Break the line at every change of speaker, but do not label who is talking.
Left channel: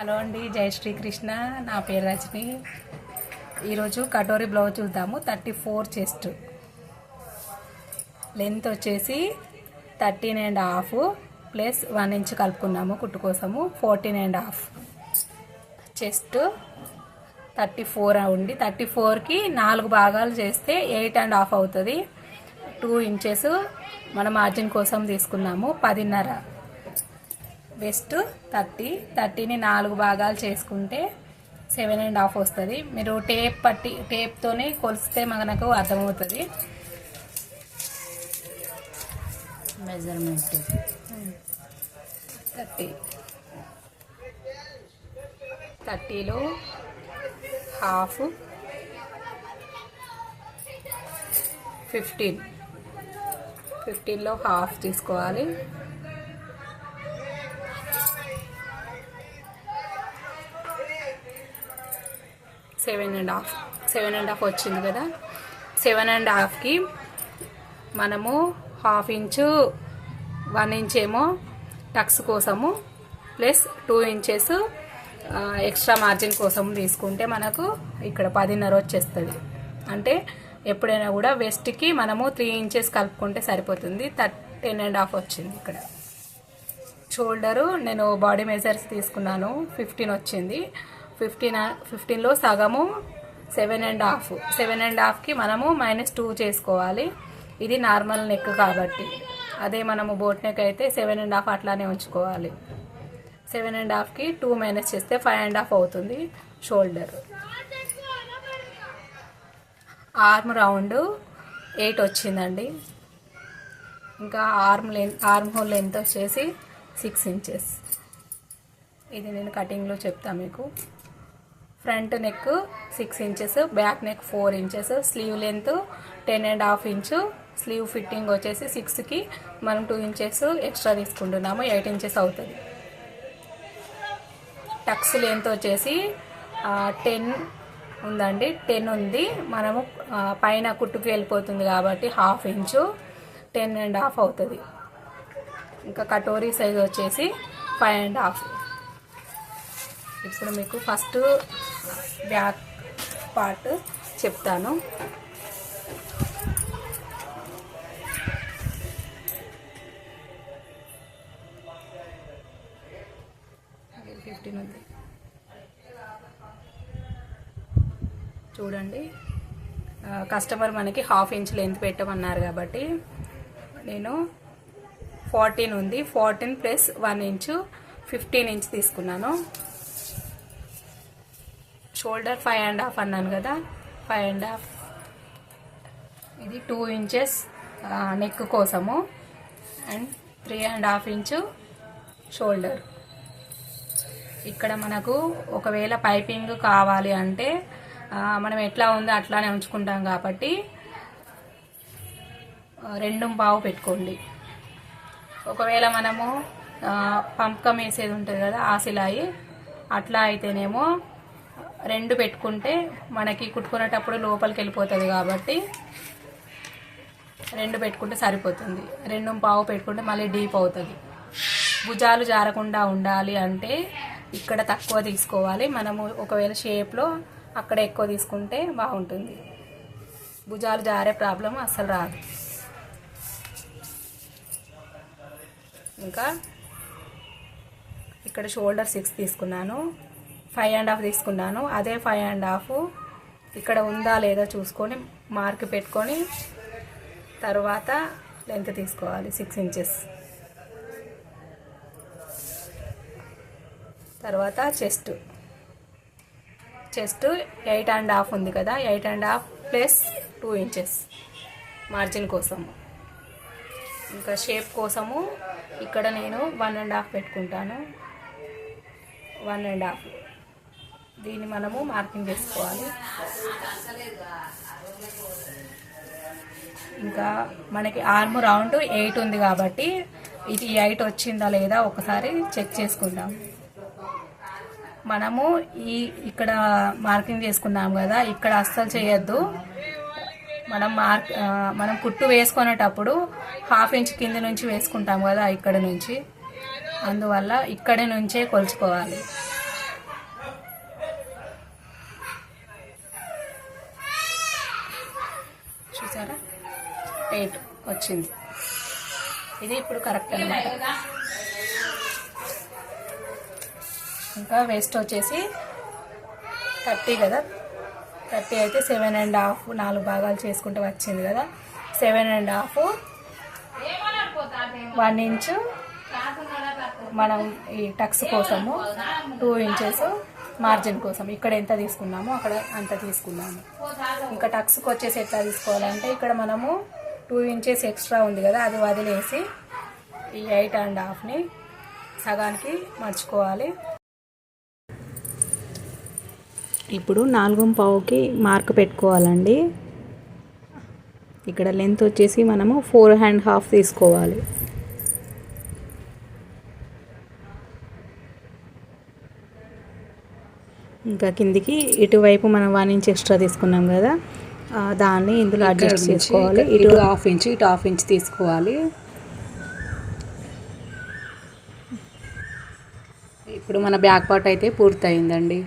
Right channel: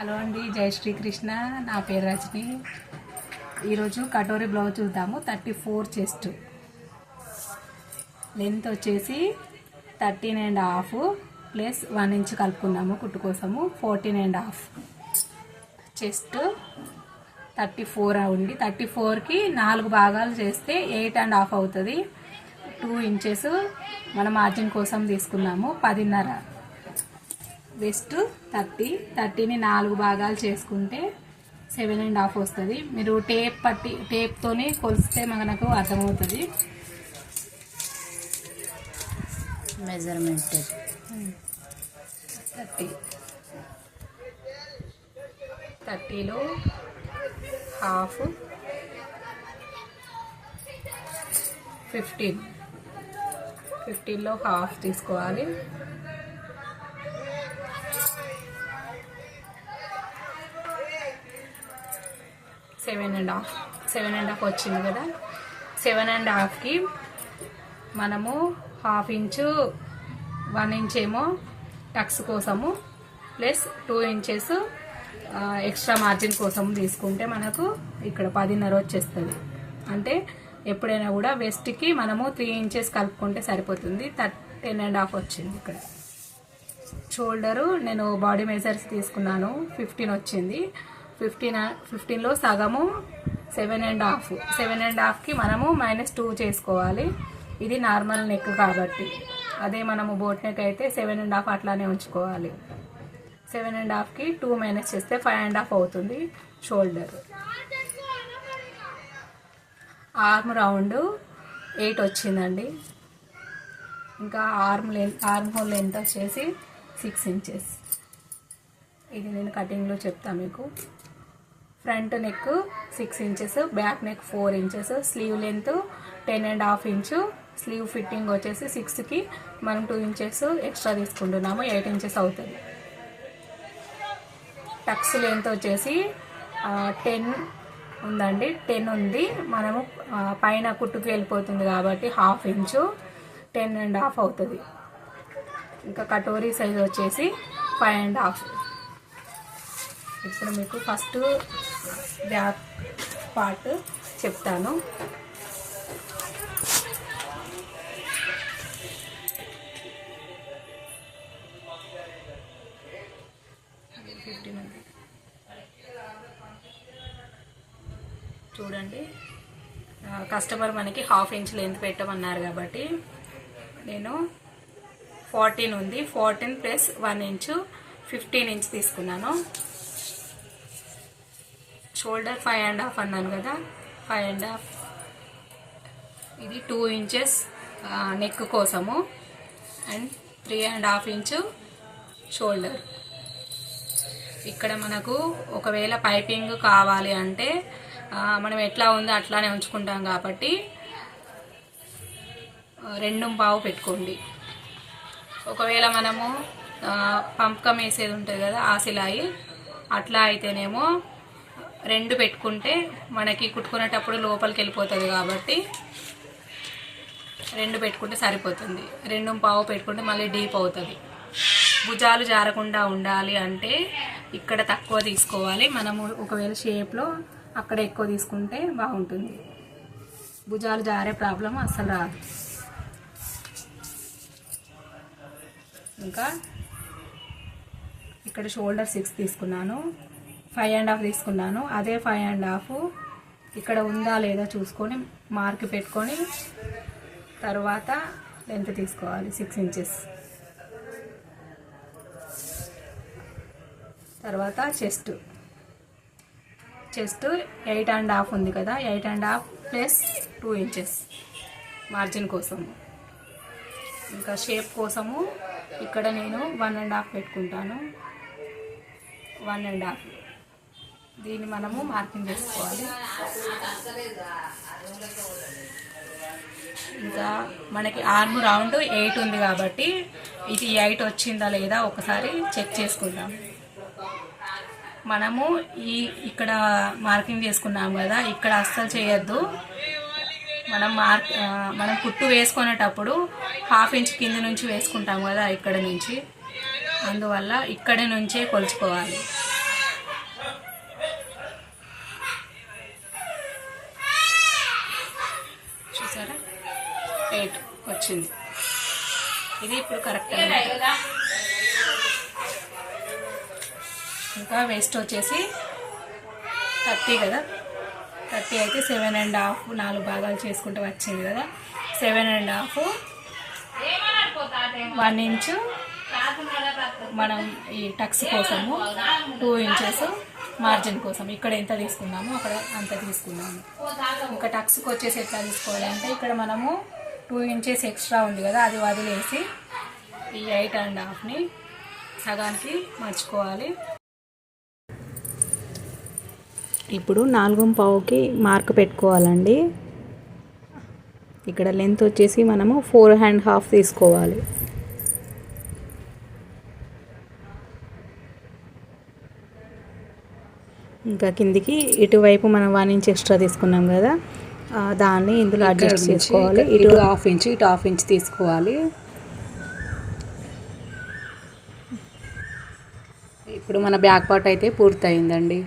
Hello అండి జై శ్రీకృష్ణ. నా పేరు రజని. ఈరోజు కటోరీ బ్లౌజ్ చూద్దాము. Thirty four chest. లెంత్ వచ్చేసి thirteen and half plus one inch కలుపుకున్నాము కుట్టు కోసము fourteen and half chest. Thirty four ఉండి థర్టీ ఫోర్కి నాలుగు భాగాలు చేస్తే ఎయిట్ అండ్ హాఫ్ అవుతుంది. టూ ఇంచెస్ మన మార్జిన్ కోసం తీసుకున్నాము. పదిన్నర. West thirty. థర్టీని నాలుగు భాగాలు చేసుకుంటే సెవెన్ అండ్ హాఫ్ వస్తుంది. మీరు టేప్ పట్టి టేప్తోనే కొలిస్తే మనకు అర్థమవుతుంది.
Measurement
thirty. థర్టీలో half fifteen. ఫిఫ్టీన్లో హాఫ్ తీసుకోవాలి. Seven and half seven and half వచ్చింది కదా? సెవెన్ అండ్ హాఫ్కి మనము హాఫ్ ఇంచు వన్ ఇంచ్ ఏమో టక్స్ కోసము plus two inches extra margin కోసం తీసుకుంటే మనకు ఇక్కడ పదిన్నర వచ్చేస్తుంది. అంటే ఎప్పుడైనా కూడా వెస్ట్కి మనము త్రీ ఇంచెస్ కలుపుకుంటే సరిపోతుంది. టెన్ అండ్ హాఫ్ వచ్చింది ఇక్కడ. షోల్డరు నేను బాడీ మెజర్స్ తీసుకున్నాను. ఫిఫ్టీన్ వచ్చింది. ఫిఫ్టీన్ ఫిఫ్టీన్లో సగము seven and half. Seven and హాఫ్కి మనము మైనస్ టూ చేసుకోవాలి. ఇది నార్మల్ నెక్ కాబట్టి. అదే మనము బోట్ నెక్ అయితే సెవెన్ అండ్ హాఫ్ అట్లానే ఉంచుకోవాలి. సెవెన్ అండ్ హాఫ్కి టూ మైనస్ చేస్తే ఫైవ్ అండ్ హాఫ్ అవుతుంది షోల్డర్. ఆర్మ్ రౌండ్ ఎయిట్ వచ్చిందండి. ఇంకా arm length arm hole length వచ్చేసి సిక్స్ ఇంచెస్. ఇది నేను కటింగ్లో చెప్తాను మీకు. Front neck six inches back neck four inches sleeve length ten and half inch. Sleeve fitting వచ్చేసి సిక్స్కి మనం టూ ఇంచెస్ ఎక్స్ట్రా తీసుకుంటున్నాము ఎయిట్ ఇంచెస్ అవుతుంది. టక్స్ లెంత్ వచ్చేసి టెన్ ఉందండి టెన్ ఉంది. మనము పైన కుట్టుకు వెళ్ళిపోతుంది కాబట్టి half inch ten and half అవుతుంది. ఇంకా కటోరీ సైజ్ వచ్చేసి ఫైవ్ అండ్ హాఫ్ ఇప్పుడు మీకు ఫస్ట్ బ్యాక్ పార్ట్ చెప్తాను. ఫిఫ్టీన్ ఉంది చూడండి. కస్టమర్ మనకి హాఫ్ ఇంచ్ లెంత్ పెట్టమన్నారు కాబట్టి నేను ఫార్టీన్ ఉంది. Fourteen plus one inch fifteen inch తీసుకున్నాను. షోల్డర్ ఫైవ్ అండ్ హాఫ్ అన్నాను కదా. Five and half. ఇది టూ ఇంచెస్ నెక్ కోసము. And three and half inch shoulder. ఇక్కడ మనకు ఒకవేళ పైపింగ్ కావాలి అంటే మనం ఎట్లా ఉందో అట్లానే ఉంచుకుంటాం కాబట్టి రెండు పావు పెట్టుకోండి. ఒకవేళ మనము పంపకం వేసేది ఉంటుంది కదా ఆ సిలాయి అట్లా అయితేనేమో రెండు పెట్టుకుంటే మనకి కుట్టుకునేటప్పుడు లోపలికి వెళ్ళిపోతుంది కాబట్టి రెండు పెట్టుకుంటే సరిపోతుంది. రెండు పావు పెట్టుకుంటే మళ్ళీ డీప్ అవుతుంది. భుజాలు జారకుండా ఉండాలి అంటే ఇక్కడ తక్కువ తీసుకోవాలి. మనము ఒకవేళ షేప్లో అక్కడ ఎక్కువ తీసుకుంటే బాగుంటుంది. భుజాలు జారే ప్రాబ్లం అస్సలు రాదు. ఇంకా ఇక్కడ షోల్డర్ సిక్స్ తీసుకున్నాను. ఫైవ్ అండ్ హాఫ్ తీసుకున్నాను. అదే ఫైవ్ అండ్ హాఫ్ ఇక్కడ ఉందా లేదా చూసుకొని మార్క్ పెట్టుకొని తర్వాత లెంత్ తీసుకోవాలి సిక్స్ ఇంచెస్. తర్వాత chest. Chest eight and half ఉంది కదా eight and half plus two inches margin కోసము. ఇంకా షేప్ కోసము ఇక్కడ నేను వన్ అండ్ హాఫ్ పెట్టుకుంటాను. One and half. దీన్ని మనము మార్కింగ్ చేసుకోవాలి. ఇంకా మనకి ఆర్మ్ రౌండ్ ఎయిట్ ఉంది కాబట్టి ఇది ఎయిట్ వచ్చిందా లేదా ఒకసారి చెక్ చేసుకుందాం. మనము ఈ ఇక్కడ మార్కింగ్ చేసుకున్నాం కదా ఇక్కడ అస్సలు చేయొద్దు. మనం మార్క్ మనం కుట్టు వేసుకునేటప్పుడు హాఫ్ ఇంచ్ కింద నుంచి వేసుకుంటాం కదా ఇక్కడ నుంచి. అందువల్ల ఇక్కడ నుంచే కొలుచుకోవాలి. ఎయిట్ వచ్చింది. ఇది ఇప్పుడు కరెక్ట్ ఇంకా వేస్ట్ వచ్చేసి థర్టీ కదా? థర్టీ అయితే సెవెన్ అండ్ హాఫ్ నాలుగు భాగాలు చేసుకుంటూ వచ్చింది కదా? Seven and half one inch మనం ఈ టక్స్ కోసము టూ ఇంచెస్ మార్జిన్ కోసం. ఇక్కడ ఎంత తీసుకున్నామో అక్కడ అంత తీసుకున్నాము. ఇంకా టక్స్కి వచ్చేసి ఎట్లా తీసుకోవాలంటే ఇక్కడ మనము టూ ఇంచెస్ ఎక్స్ట్రా ఉంది కదా అది వదిలేసి ఈ ఎయిట్ అండ్ హాఫ్ని సగానికి మర్చుకోవాలి.
ఇప్పుడు నాలుగు పావుకి మార్క్ పెట్టుకోవాలండి. ఇక్కడ లెంత్ వచ్చేసి మనము ఫోర్ హ్యాండ్ హాఫ్ తీసుకోవాలి. ఇంకా కిందికి ఇటువైపు మనం వన్ ఇంచ్ ఎక్స్ట్రా తీసుకున్నాం కదా దాన్ని ఇందులో అడ్జస్ట్ చేసుకోవాలి. ఇటు
ఇటు హాఫ్ ఇంచ్ ఇటు హాఫ్ ఇంచ్ తీసుకోవాలి. ఇప్పుడు మన బ్యాక్ పార్ట్ అయితే పూర్తయిందండి.